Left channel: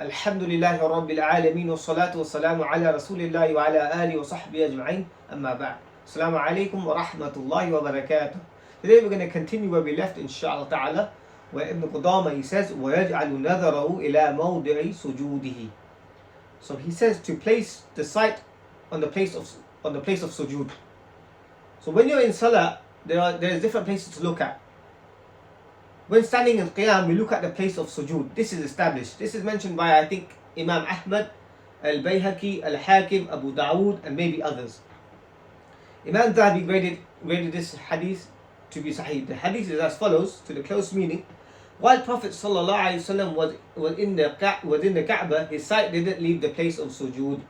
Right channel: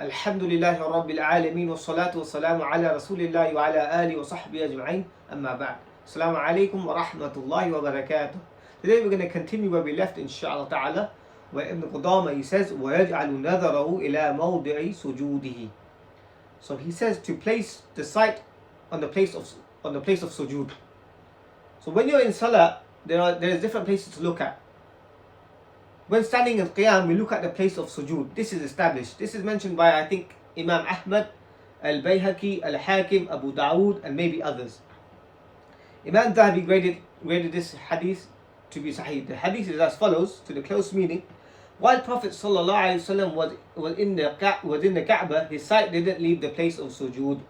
Alhamdulillahi Rabbil Alameen wa salatu wa salamu ala Rasulillahi wa ala alihi wa sahbihi ajma'in, amma ba'd. Assalamu alaikum wa rahmatullahi wa barakatuh. Today we're going to continue where we left, inshaAllah ta'ala, where Ibn Qudama, he says, وَيَجْعَلُ نَذَرَهُ إِلَى مَوْضِعِ سُجُودِهِ. So he says to place the sight on the place of sujood. So when you're in salah, there is different places to look at. When standing in qiyam, we look at the place of sujood. This is established. This is mentioned by, I think, Imam Ahmad, Al-Bayhaqi, Al-Hakim, Abu Dawood, and maybe others. Imam Dhahabi graded this hadith to be sahih. The hadith is as follows, to the close meaning. While Prophet ﷺ was in the Kaaba, his sight didn't leave the place of sujood.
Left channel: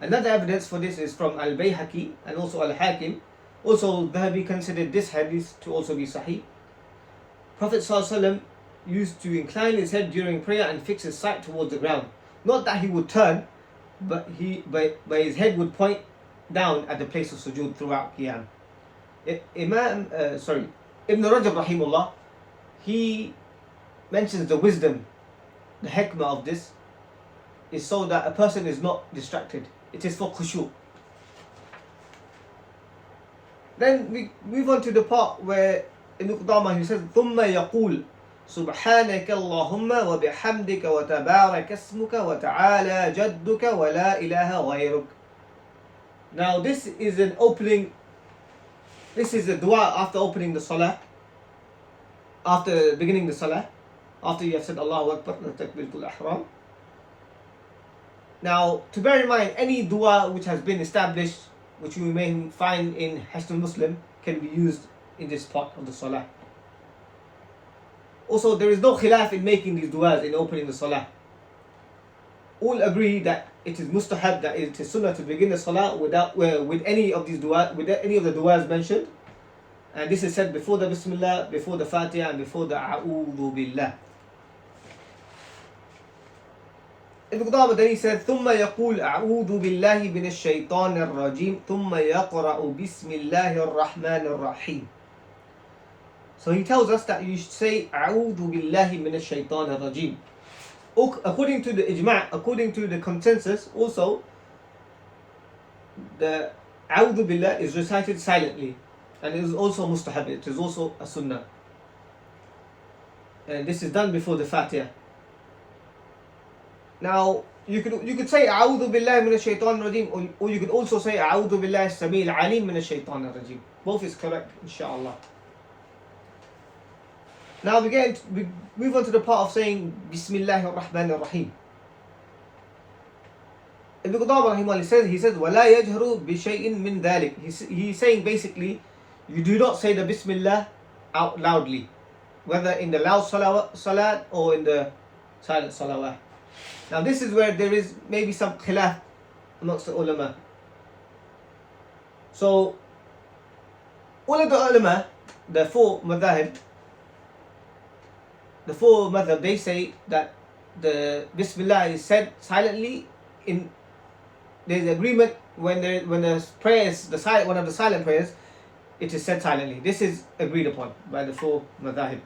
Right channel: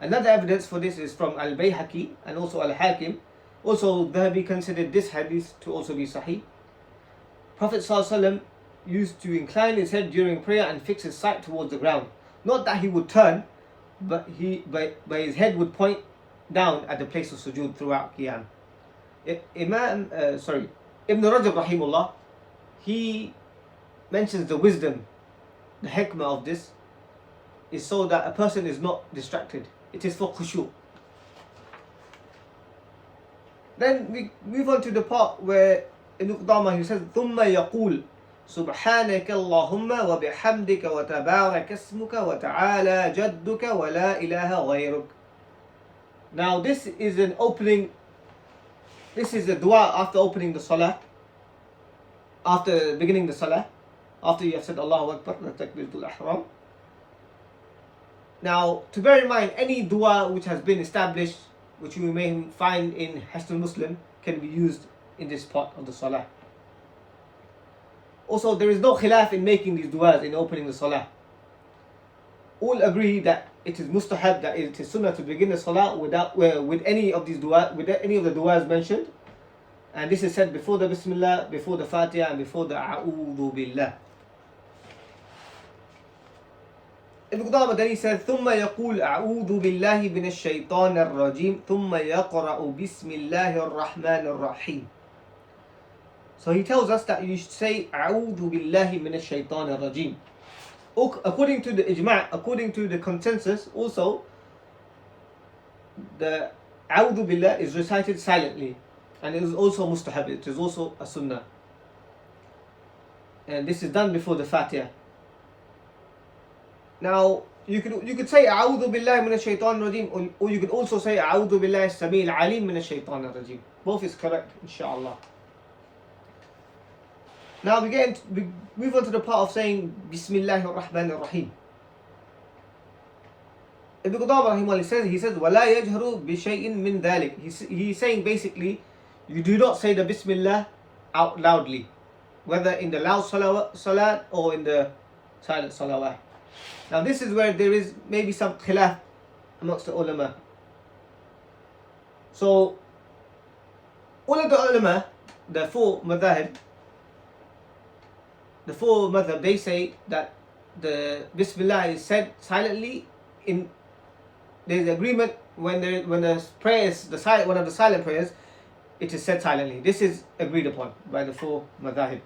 Another evidence for this is from Al-Bayhaqi and also Al-Hakim. Also, Dhahabi considered this hadith to also be sahih. Prophet ﷺ used to incline his head during prayer and fix his sight towards the ground. Not that he would turn, but his head would point down at the place of sujood throughout qiyam. Ibn Rajab rahimullah, he mentions the wisdom, the hikmah of this is so that a person is not distracted. It is for khushu'. Then we move on to the part where Ibn Qudama, he says, ثُمَّ يَقُولُ سُبْحَانَكَ اللَّهُمَّ وَبِحَمْدِكَ وَتَبَارَكَ اسْمُكَ وَتَعَالَى جَدُّكَ وَلَا إِلَهَ غَيْرُكَ. Now this is a dua after opening the salah, after beginning the salah, after you have said Allahu Akbar, takbiratul ihram. Now, to bear in mind, any dua which has been established, which we may find in Hisnul Muslim, can be used in this part of the salah. Also, there is no khilaf in making these du'as in opening the salah. All agree that it is mustahab, that it is sunnah to begin the salah with any of these du'as, with any of the du'as mentioned. And this is said before the Bismillah, before the Fatiha, and before the A'udhu Billah. Ibn Qudama then he said, ثُمَّ يَقُولُ أَعُوذُ بِاللَّهِ مِنَ الشَّيْطَانِ الرَّجِيمِ ثُمَّ يَقْرَأُ بِسْمِ اللَّهِ الرَّحْمَنِ الرَّحِيمِ. So he tells us that you should say أَعُوذُ بِاللَّهِ مِنَ الشَّيْطَانِ الرَّجِيمِ. According to the ijma', according to the consensus, also the أعوذ بالله is recited silently, and it is also mustahab, it is also a sunnah, and this is done before the Fatiha. Now you could say أعوذ بالله من الشيطان الرجيم, or you could also say أعوذ بالله السميع العليم من الشيطان الرجيم. Both is correct, inshallah. Now we move on to the part of saying Bismillahir Rahmanir Rahim. Ibn Qudama rahimahullah he says وَلَا يَجْهَرُ بِشَيْءٍ مِّن ذَلِكَ. He's saying basically, you do not say the Bismillah out loudly, whether in the loud salat or in the silent salawat. Now this is where there is maybe some khilaf amongst the ulama. So all of the ulama, the four madhab, they say that the Bismillah is said silently. There's agreement when the prayer is one of the silent prayers, it is said silently. This is agreed upon by the four madhahib.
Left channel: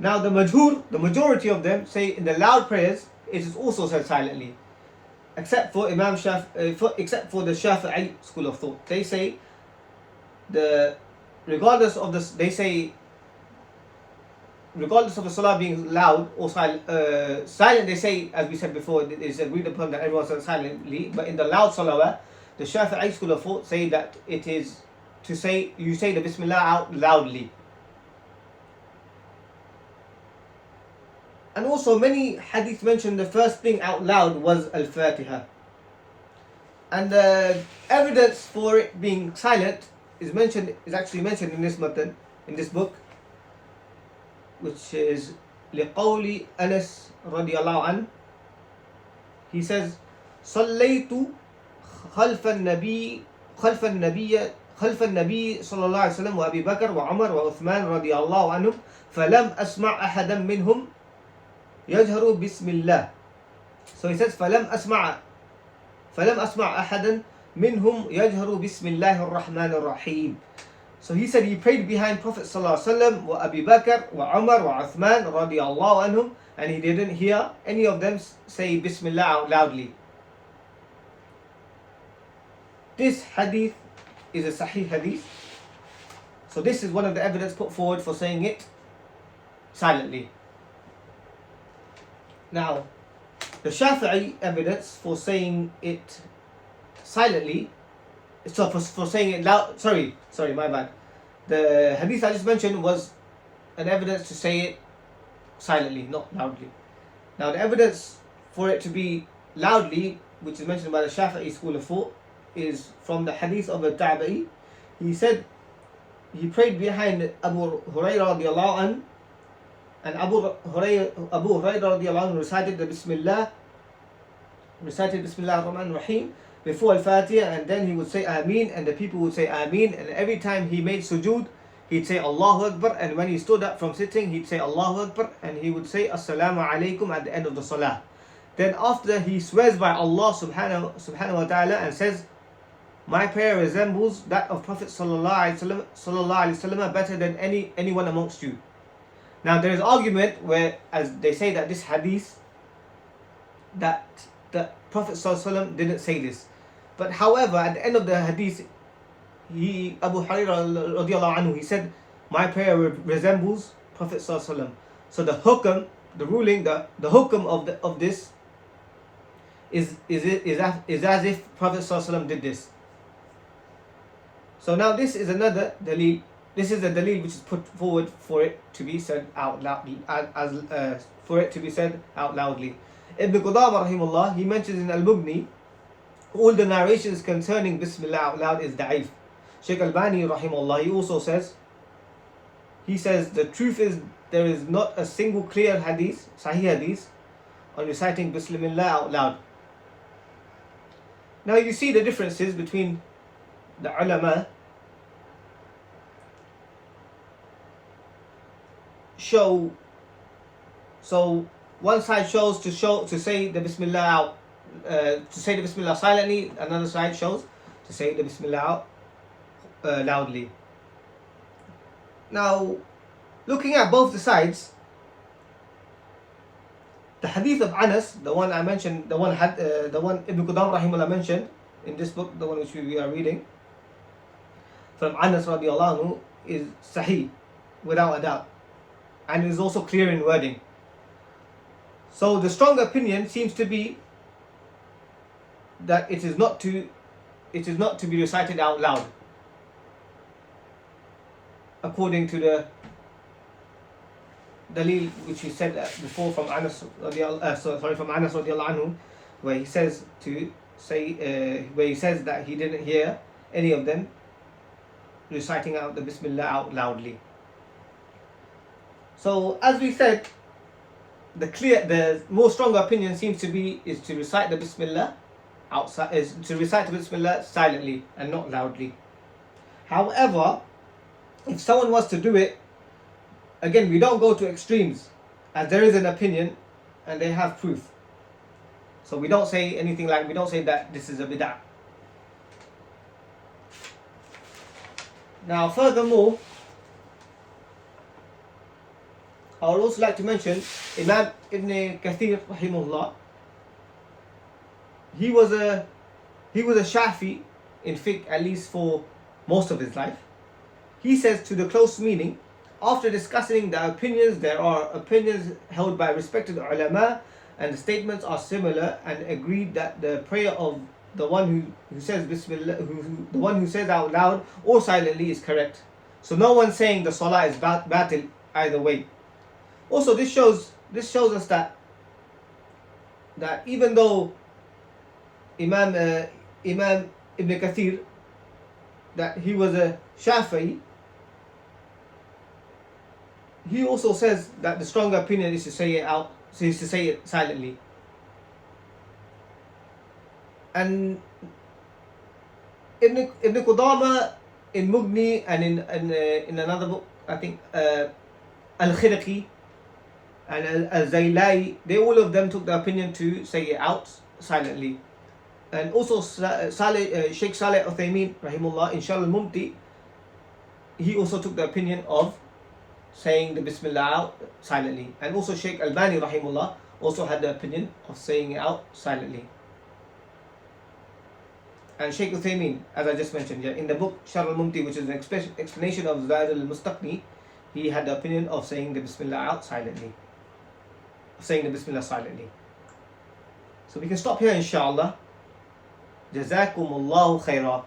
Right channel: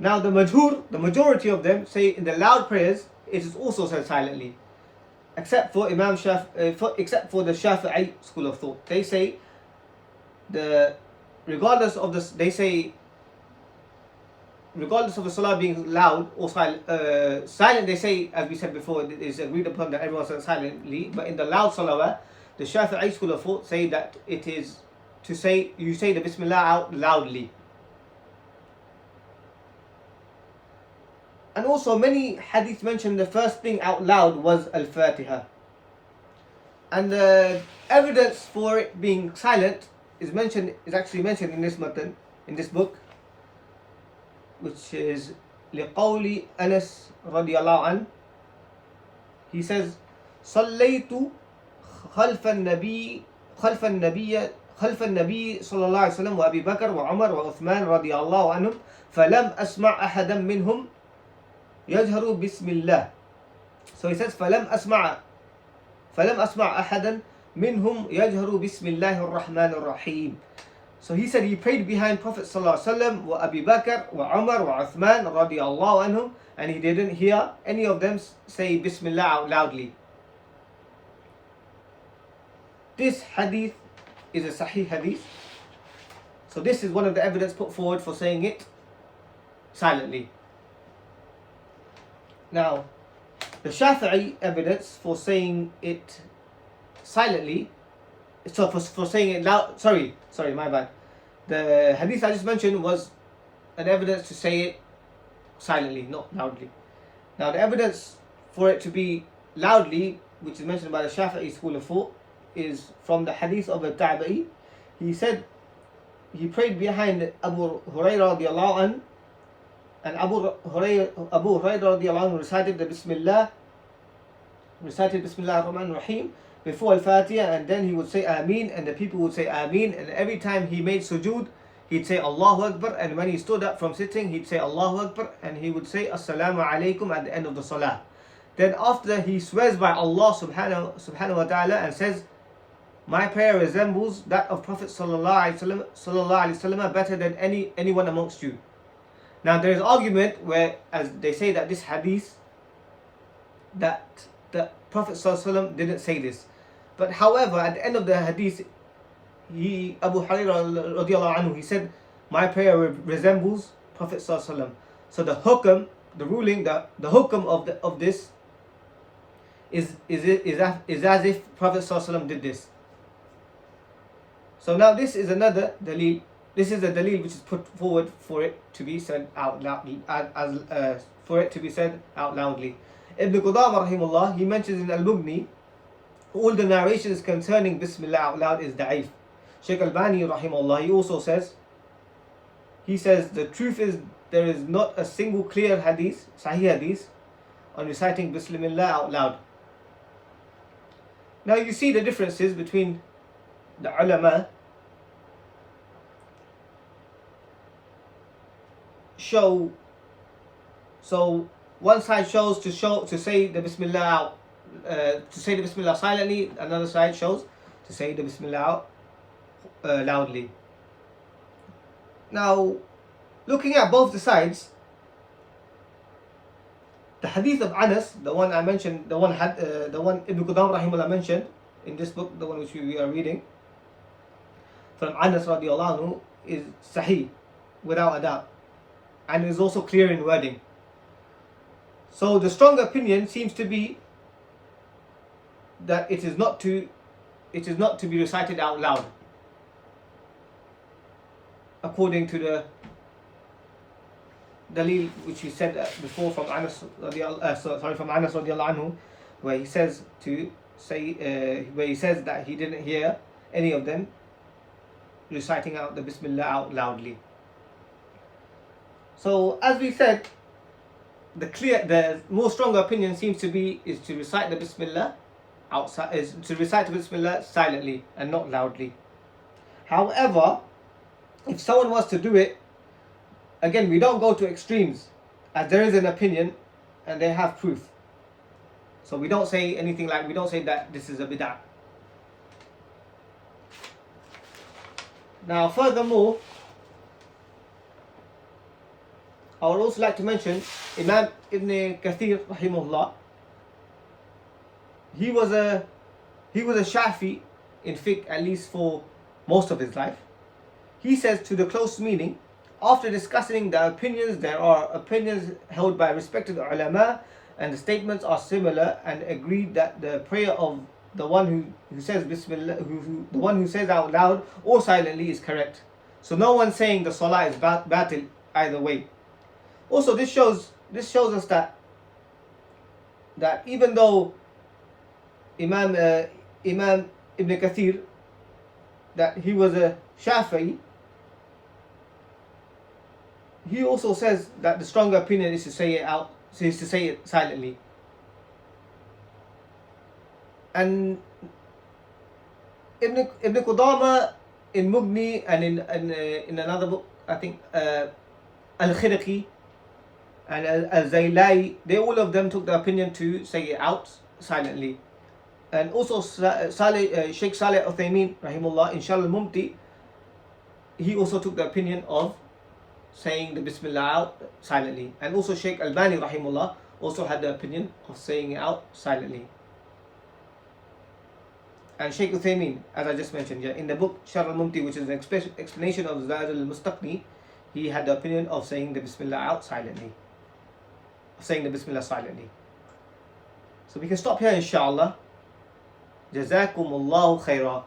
Now the majority of them say in the loud prayers it is also said silently, except for the Shafi'i school of thought. They say regardless of the salah being loud or silent, they say, as we said before, it is agreed upon that everyone says silently. But in the loud salawat, the Shafi'i school of thought say that it is you say the Bismillah out loudly. And also many hadiths mention the first thing out loud was Al-Fatiha. And the evidence for it being silent is actually mentioned in this matan, in this book, which is لقول أنس رضي الله عنه. He says صليت خلف النبي صلى الله عليه وسلم وأبي بكر وعمر وعثمان رضي الله عنهم فلم أسمع أحدا منهم يجهر بسم الله. So he says فلم أسمع أحدا منهم يجهر بسم الله الرحمن الرحيم. So he said he prayed behind Prophet ﷺ, wa Abu Bakr, wa Umar, wa Uthman radiyallahu anhum, and he didn't hear any of them say Bismillah out loudly. This hadith is a Sahih hadith. So this is one of the evidence put forward for saying it silently. Now, the Shafi'i evidence for saying it silently, so for saying it loud, sorry, my bad. The hadith I just mentioned was an evidence to say it silently, not loudly. Now, the evidence for it to be loudly, which is mentioned by the Shafi'i school of thought, is from the hadith of the Tabi'i. He said he prayed behind Abu Hurairah radiallahu anhu, and Abu Hurairah radiallahu anhu recited Bismillah ar-Rahman ar-Rahim before Al-Fatiha, and then he would say Ameen, and the people would say Ameen, and every time he made sujood, he'd say Allahu Akbar, and when he stood up from sitting, he'd say Allahu Akbar, and he would say Assalamu alaikum at the end of the salah. Then after he swears by Allah subhanahu wa ta'ala and says, my prayer resembles that of Prophet sallallahu alaihi wasallam better than anyone amongst you. Now there is argument where, as they say that this hadith, that the Prophet sallallahu alaihi wasallam didn't say this. But however, at the end of the hadith, Abu Hurairah radiallahu anhu, he said, my prayer resembles Prophet sallallahu alaihi wasallam. So the hukm, the ruling, the hukm of this is as if Prophet sallallahu alaihi wasallam did this. So now this is another dalil. This is the dalil which is put forward for it to be said out loud, for it to be said out loudly. Ibn Qudama rahimullah, he mentions in Al-Mughni, all the narrations concerning Bismillah out loud is da'if. Shaykh Albani rahimullah, he also says, the truth is there is not a single clear hadith, Sahih hadith, on reciting Bismillah out loud. Now you see the differences between the ulama. So one side shows to say the Bismillah out, to say the Bismillah silently. Another side shows to say the Bismillah out loudly. Now, looking at both the sides, the hadith of Anas, the one I mentioned, the one Ibn Qudam rahimullah mentioned in this book, the one which we are reading, from Anas radiallahu anhu, is sahih, without a doubt, and is also clear in wording. So the strong opinion seems to be that it is not to be recited out loud, according to the dalil which we said before from Anas radiallahu anhu, where he says that he didn't hear any of them reciting out the Bismillah out loudly. So as we said, the more stronger opinion seems to be is to recite the Bismillah silently and not loudly. However, if someone was to do it, again, we don't go to extremes, as there is an opinion and they have proof. So we don't say anything like, we don't say that this is a bid'ah. Now furthermore, I would also like to mention Imam Ibn Kathir rahimahullah. He was a Shafi in fiqh, at least for most of his life. He says, to the close meaning, after discussing the opinions, there are opinions held by respected ulama, and the statements are similar, and agreed that the prayer of the one who says Bismillah, the one who says out loud or silently, is correct. So no one saying the salah is batil either way. Also, this shows us that even though Imam Ibn Kathir, that he was a Shafi'i, he also says that the stronger opinion is to say it silently. And Ibn Qudama in Mughni and in another book, I think Al-Khirqi and Al-Zaylai, they all of them took the opinion to say it out silently. And also Sheikh Saleh Uthaymeen rahimullah in Sharh al-Mumti, he also took the opinion of saying the Bismillah out silently. And also Shaykh Albani rahimullah also had the opinion of saying it out silently. And Shaykh Uthaymeen, as I just mentioned, in the book Sharh al-Mumti, which is an explanation of Zaid al-Mustaqni, he had the opinion of saying the Bismillah out silently. Saying the Bismillah silently. So we can stop here inshallah. Jazakumullahu khairah.